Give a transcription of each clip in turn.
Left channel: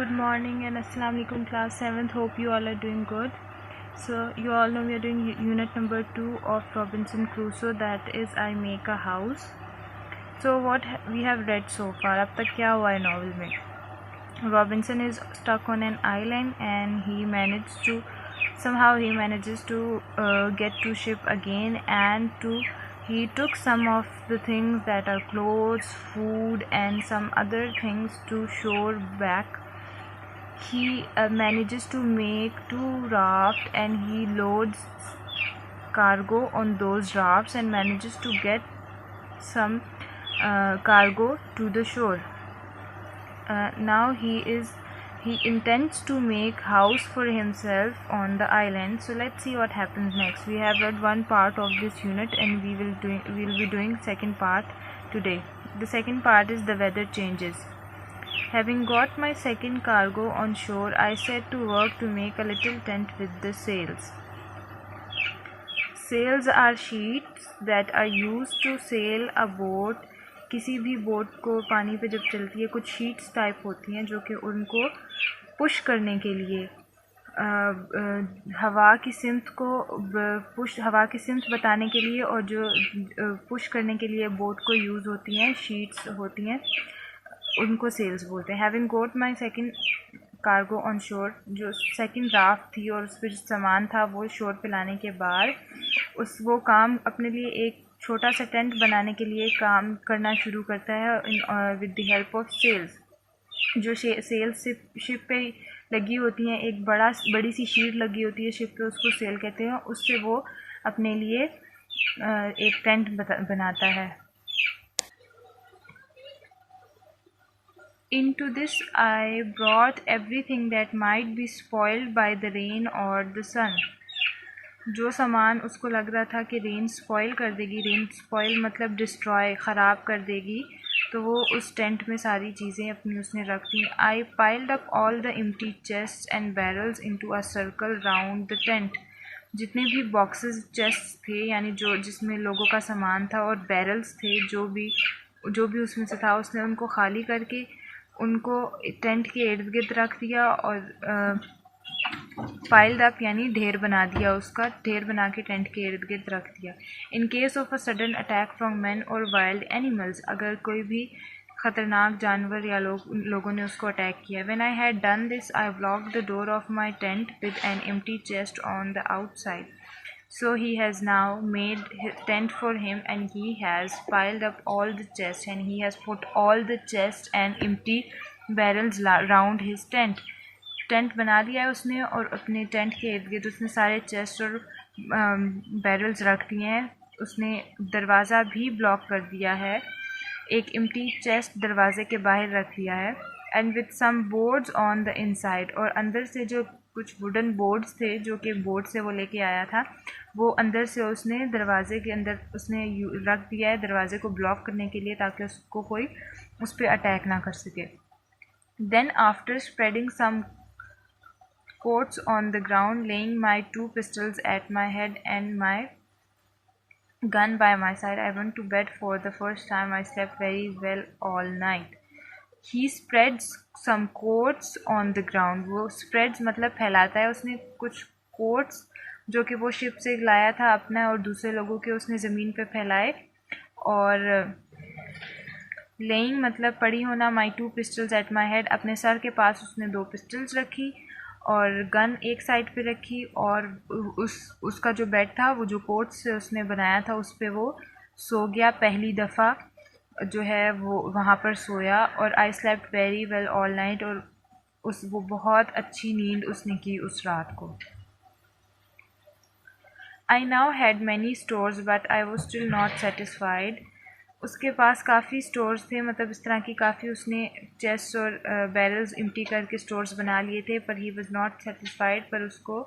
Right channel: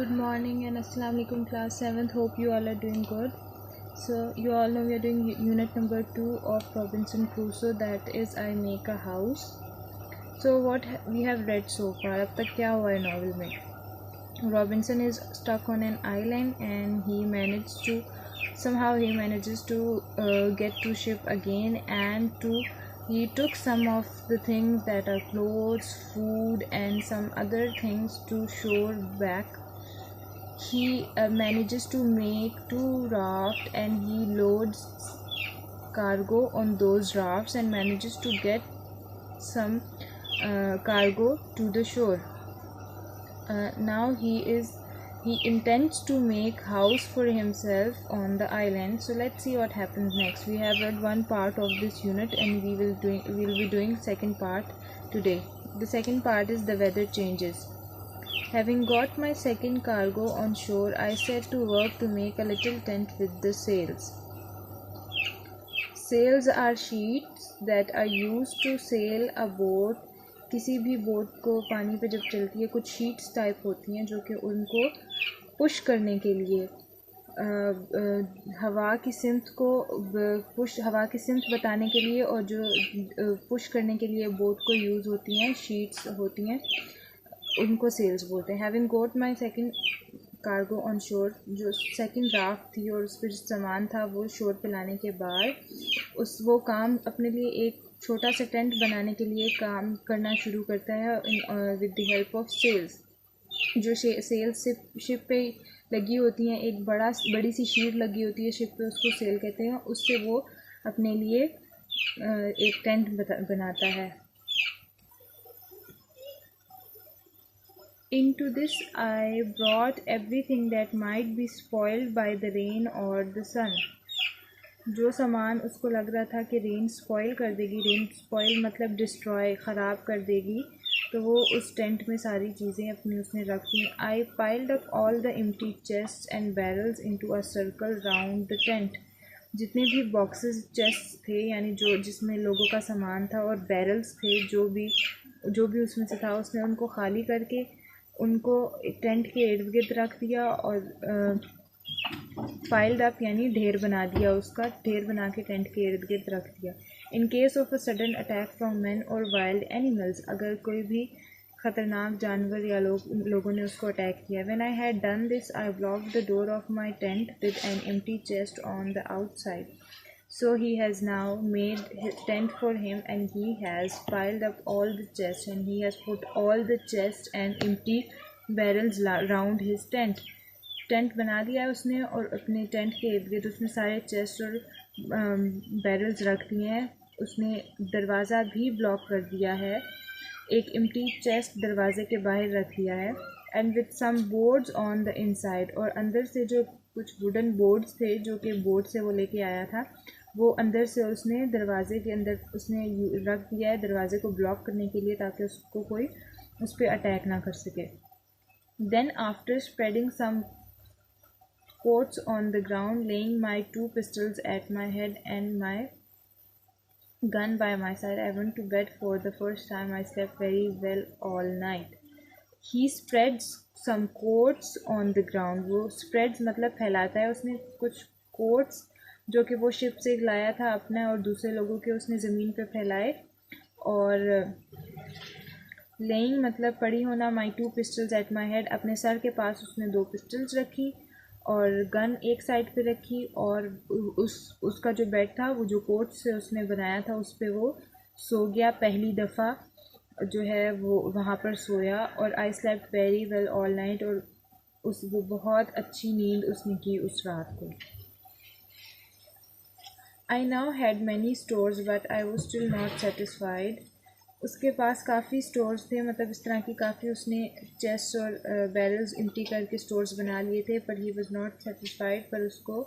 Good morning and Assalamu alaikum class 7th. Hope you all are doing good. So you all know we are doing unit number 2 of Robinson Crusoe, that is I Make a House. So what we have read so far, अब तक क्या हुआ है novel में? Robinson is stuck on an island and he manages to get to ship again, and he took some of the things that are clothes, food and some other things to shore back. He manages to make 2 rafts and he loads cargo on those rafts and manages to get some cargo to the shore. Now he intends to make house for himself on the island. So let's see what happens next. We have read one part of this unit and we will be doing second part today. The second part is the weather changes. Having got my second cargo on shore, I set to work to make a little tent with the sails. Sails are sheets that are used to sail a boat. किसी भी boat को पानी पे जब चलती है कुछ sheets type होती हैं जो कि उनको पुश करने के लिए हवा की सिमत बताने के लिए, और जो पुश करने के लिए बोट को यूज़ होती हैं शीट्स होती हैं, उनको सेल्स बोलते हैं. Having got my second cargo on shore, जो सेकंड राफ्ट थी और उस पर सामान था वो शोर पे लाने के बाद वो काम अपने लिए एक छोटा सा टेंट बनाने के लिए काम करना शुरू करता है with the help of sails. जो सेल्स शिप पे लगी होती हैं, एक बड़ी सी शीट लगी होती है शिप पे, उसको सेल कहते हैं. उससे वो अपने लिए एक टेंट बनाता है. Into this I brought everything that might be spoiled by the rain or the sun. जो सामान उसको लग रहा था कि रेन स्पॉइल कर देगी, रेन स्पॉइल मतलब डिस्ट्रॉय, ख़राब कर देगी, तो वो उस टेंट में सारी चीज़ें अपनी उसने रख दी. I piled up all the empty chests and barrels into a circle round the tent. जितने भी बॉक्सेस चेस्ट्स थे, यानी जो जिसमें लोगों का सामान था, और बैरल्स थे, जो भी उसमें से था, उसने उनको खाली करके उनको टेंट के इर्द गिर्द रख दिया और पाइल्ड अप यानी ढेर बना दिया, उसका ढेर बना के टेंट के इर्द गिर्द रख दिया. In case of a sudden attack from man और वाइल्ड एनिमल्स, अगर कोई भी ख़तरनाक जानवर या लोगों ने उसको अटैक किया. When I had done this I blocked the door of my tent with an empty chest on the outside. So he has now made his tent for him, and he has piled up all the chests, and he has put all the chests and empty barrels round his tent. Tent बना दिया है उसने और अपने tent के इर्द गिर्द उसने सारे चेस्ट और बैरल्स रख दिए हैं. उसने दरवाज़ा भी ब्लॉक कर दिया है, एक एम्प्टी चेस्ट दरवाजे के बाहर रख दिया है. And with some boards on the inside, और अंदर से जो कुछ वुडन बोर्ड्स थे जो कि बोर्ड से वो लेके आया था, वो अंदर से उसने दरवाज़े के अंदर उसने रख दिया है दरवाज़े को ब्लॉक करने के लिए, ताकि उसको कोई उस पर अटैक ना कर सके. Then after spreading some coats on the ground, laying my 2 pistols at my head and my gun by my side, I went to bed. For the first time I slept very well all night. He spreads some coats on the ground. वो spreads मतलब फैलाता है. उसने कुछ coats जो कि वो ship से लाया था अपना और दूसरे लोगों के, उसने ज़मीन पे फैलाए. और laying मतलब पड़ी होना. my 2 pistols at my head, अपने सर के पास उसने 2 पिस्टल्स रखी और गन एक साइड पे रखी, और उसका जो बेड था वो जो कोट से उसने बनाया था उस पर वो सो गया. पहली दफ़ा जो है वो वहाँ पर सोया. और I slept very well all night, और वो बहुत अच्छी नींद उसने की उस रात को. I now had many stores but I was still not satisfied. उसके पास काफ़ी स्टोर्स थे, मतलब इस तरह की काफ़ी उसने चेस्ट और बैरल्स एम्प्टी करके स्टोर्स बना लिए थे, पर ही वॉज नॉट सेटिस्फाइड, पर उसको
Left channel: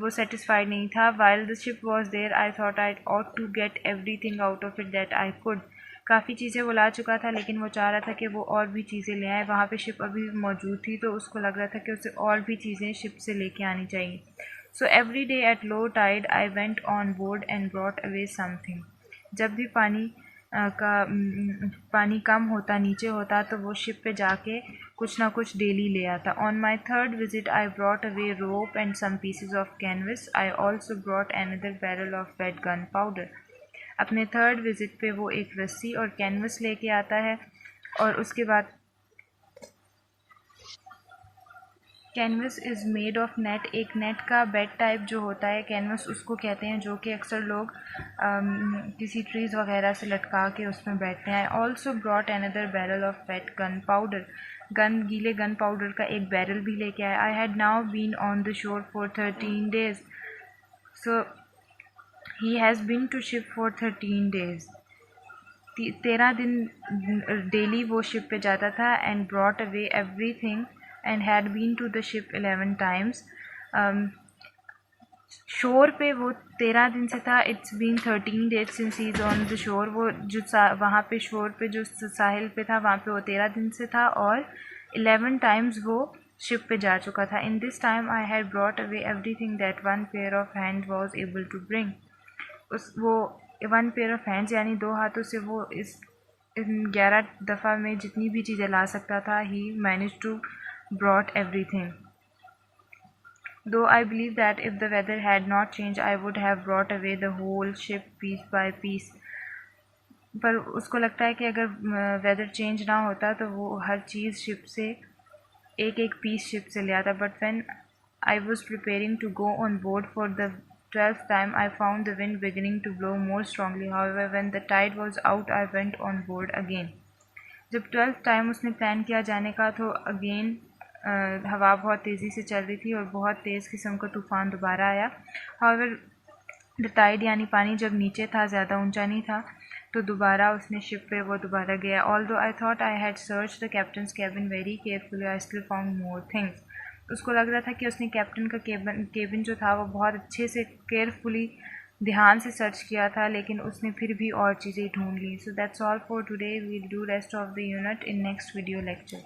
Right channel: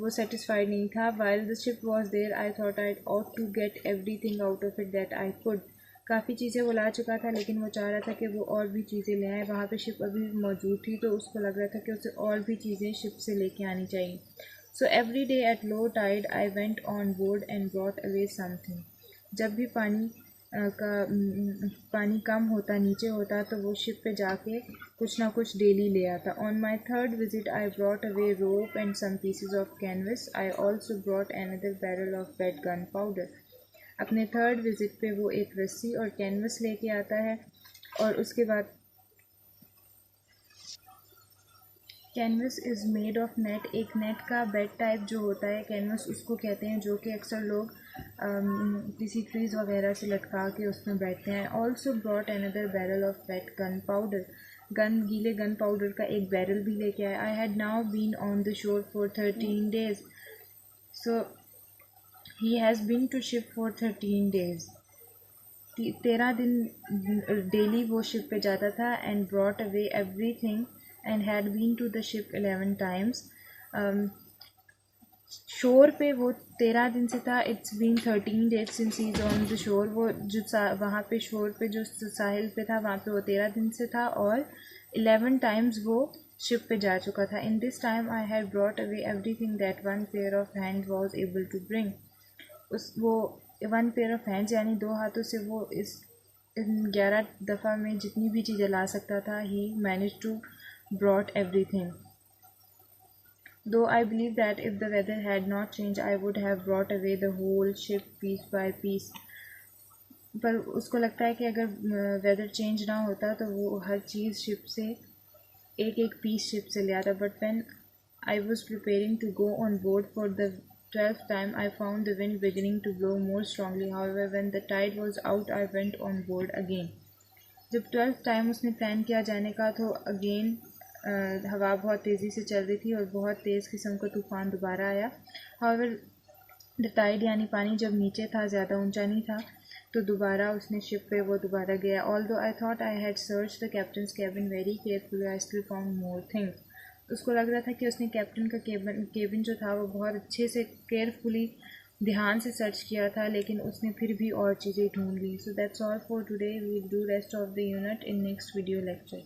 वो सेटिस्फाइड नहीं था. While the ship was there I thought I ought to get every thing out of it that I could. काफ़ी चीज़ें वो ला चुका था, लेकिन वो चाह रहा था कि वो और भी चीज़ें ले आए. वहाँ पे शिप अभी भी मौजूद थी, तो उसको लग रहा था कि उसे और भी चीज़ें शिप से लेके आनी चाहिए. So every day at low tide I went on board and brought away something. जब भी पानी पानी कम होता, नीचे होता, तो वो शिप पे जाके कुछ ना कुछ डेली ले आता. On my third visit I brought away rope and some pieces of canvas. I also brought another barrel of wet gun powder. अपने थर्ड विजिट पे वो एक रस्सी और कैनवस लेके आता है, और उसके बाद canvas is made of net. एक नेट का बेड टाइप जो होता है कैनवस उसको कहते हैं, जो कि अक्सर लोग किसी ट्रीज़ वगैरह से लटका के उसमें बैठते हैं. Also brought another barrel of wet gun powder. गीले गन पाउडर का एक बैरल भी लेके आया. I had now been on the shore for 13 days. So he has been to ship for 13 days. 13 दिन डेली वो शिप पे जाता था. And brought away every thing and had been to the ship 11 times. Shore पे वो 13 दिन से था. It's been 13 days since he is on the shore. वो जो वहाँ पे शोर पे जो साहिल पे था वहाँ पे वो 13 दिन से था, और 11 times वो शिप पे जा चुका था. In this time I had brought away every thing that one pair of hand was able to bring. वो 1 पेयर ऑफ हैंड्स यानी 2 हाथों से वो इन 11 दफ़ा में जितनी भी चीज़ें ला सकता था. He manage to brought everything. Though I believe that if the weather had not changed, I would have brought away the whole ship piece by piece. पर उसको लगता है कि अगर वेदर चेंज ना होता तो वो हर चीज़ शिप से एक एक पीस शिप से ले आता. But when I was preparing to go on board for the 12th time, I found the wind beginning to blow more strongly. However, when the tide was out, I went on board again. जब 12th time उसने plan किया जाने का तो again हवा बहुत तेज़ी से चल रही थी और बहुत तेज़ किस्म का तूफ़ान दोबारा आया. हाउएवर द टाइड यानी पानी जब नीचे था, ज़्यादा ऊंचा नहीं था, तो दोबारा उसने शिप पे वो दोबारा गया. Although I thought I had search the captains cabin very carefully, I still found more things. उसको लग रहा था कि उसने कैप्टन का केबिन जो था वो बहुत अच्छे से केयरफुली ध्यान से सर्च किया था, लेकिन उसने फिर भी और चीज़ें ढूंढ ली. So that's all for today. We'll do rest of the unit in next video lecture.